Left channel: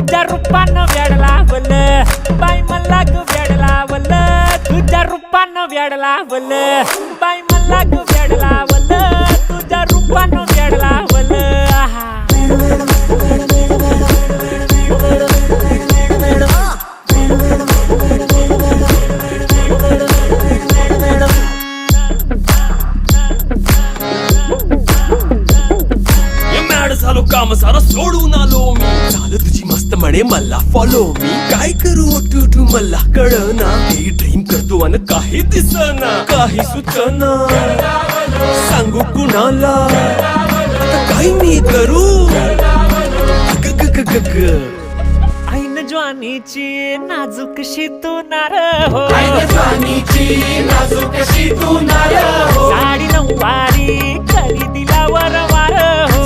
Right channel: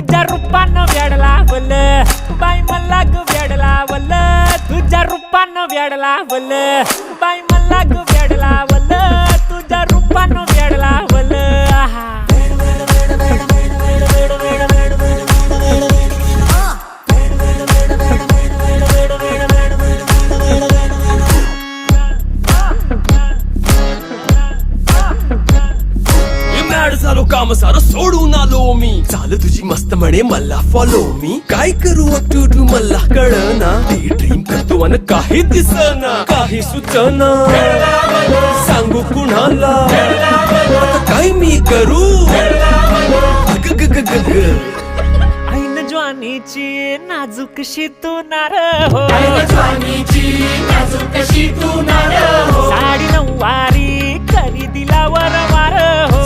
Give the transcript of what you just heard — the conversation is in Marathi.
तुझ्या रूपानं वेड लावलं बाई मला ग वेड लावलं तुझ्या रूपानं वेड लावलं बाई मला ग वेड लावलं तुझ्या रूपानं वेड लावलं आहा झालो काम सारं सोडून आलो मी चाल तुझी मस्त म्हणे मला फॉलो मी काय करू टू मला कळना ती ड्रीम करतो अन काही दिसना काही सुचना सांगू कुणाला आता काय मी करू ऐन ज्वानीची नाजूकशी तू नार हो साडी नऊवारी करी दिला वर वार हो